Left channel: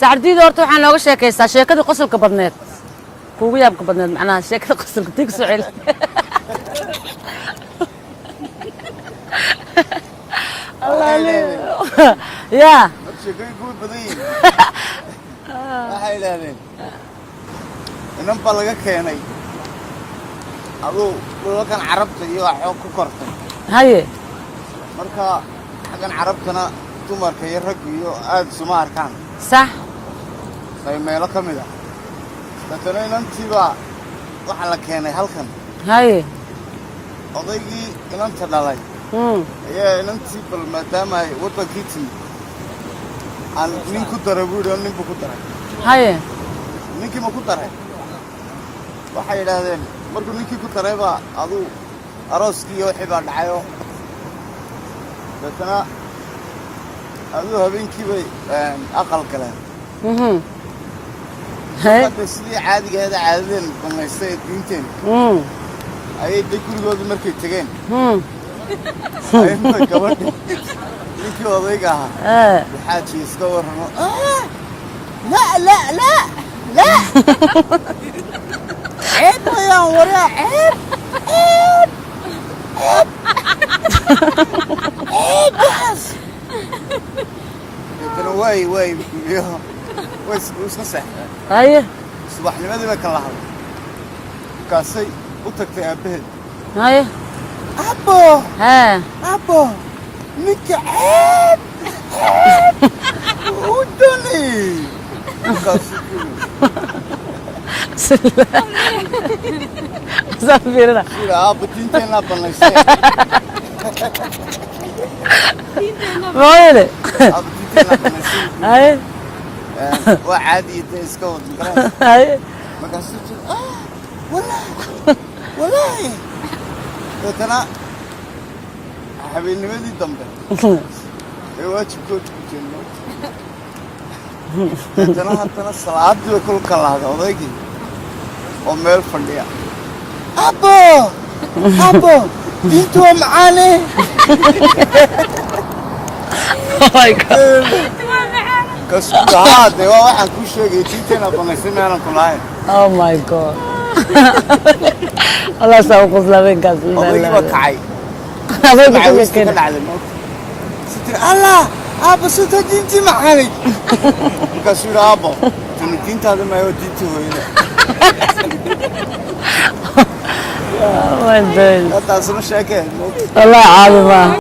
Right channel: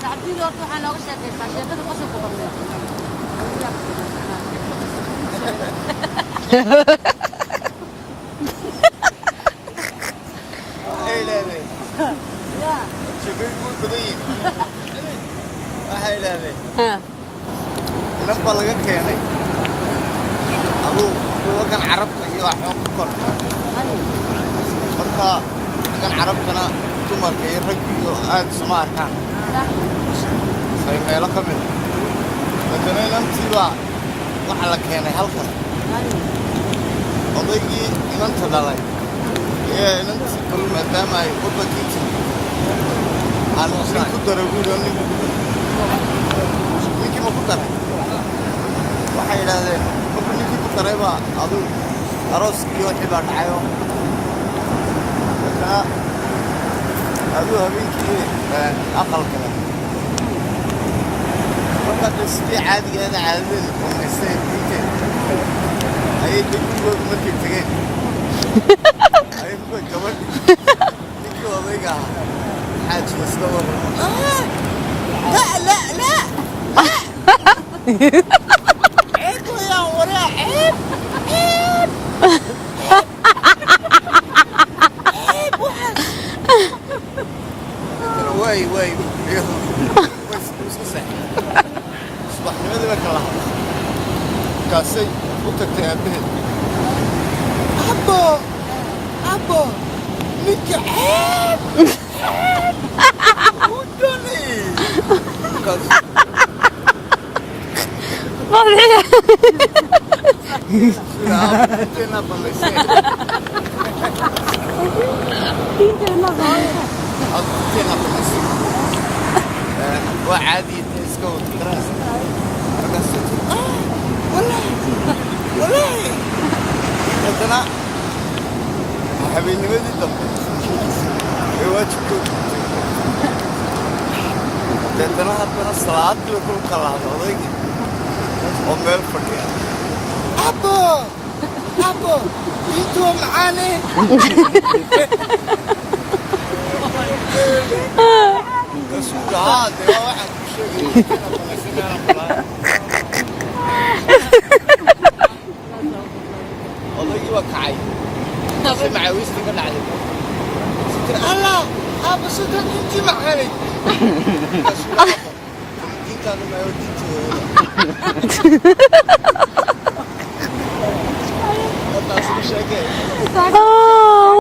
سعديد horta waxaan nooga sheekaystaa sheekada qosolka badneed ugu yaabka badneed macnaha sheekada qosolka tig su'aal يا شكلك يقول بدين هاي لاني لما بلغت كيني ابو كان عربت iyo xoog ku kor هاي marka kan carabtana dumarka iyo rag iyo aad Soomaarka صح say meelo kamid ah inantiiba waxa la keenay halkan هاي odaygii inanta dhalay inantii kale maadaama ay waddankiisa aan nin ku daro guud nin ku daro هاي ninkii ku daray waxay yiraahdeen markuu ninkii ku daray baa adu arooskii iyo xibaa dhacayo marka adu habeenkii aqal kale هاي sidii caadigeeda caadadeen kumaystay diinteen ayay gurigooda markay tageen ayay gabadh ninkii odayga ahaa xaaji iska warramo لا عيب يا ورا عيب واي وش صح هاي صباح لماذا ما كان لها كاسي وتكتب به هاي ابو ها ابو لك عيب ودني زفيرة غير هاي وعادي تسكوت هاي والله مثلا حبيبي نمدي الدم واجبك مثلا حتى الصلاة وكل كلام وضيقي وميل فرديا أبو جيتوا معاني ماي جاد كسر هذا واحد في شيء جيتنا بنسينا أنا طلعنا او ماي جاد الله سوق لبين كاسين وضيقي بكعي الله أبو سوتو جيتي معاني كسر أبو تنتين هذا ما يوديتي وين لا تعصب الشاكين والله عظيم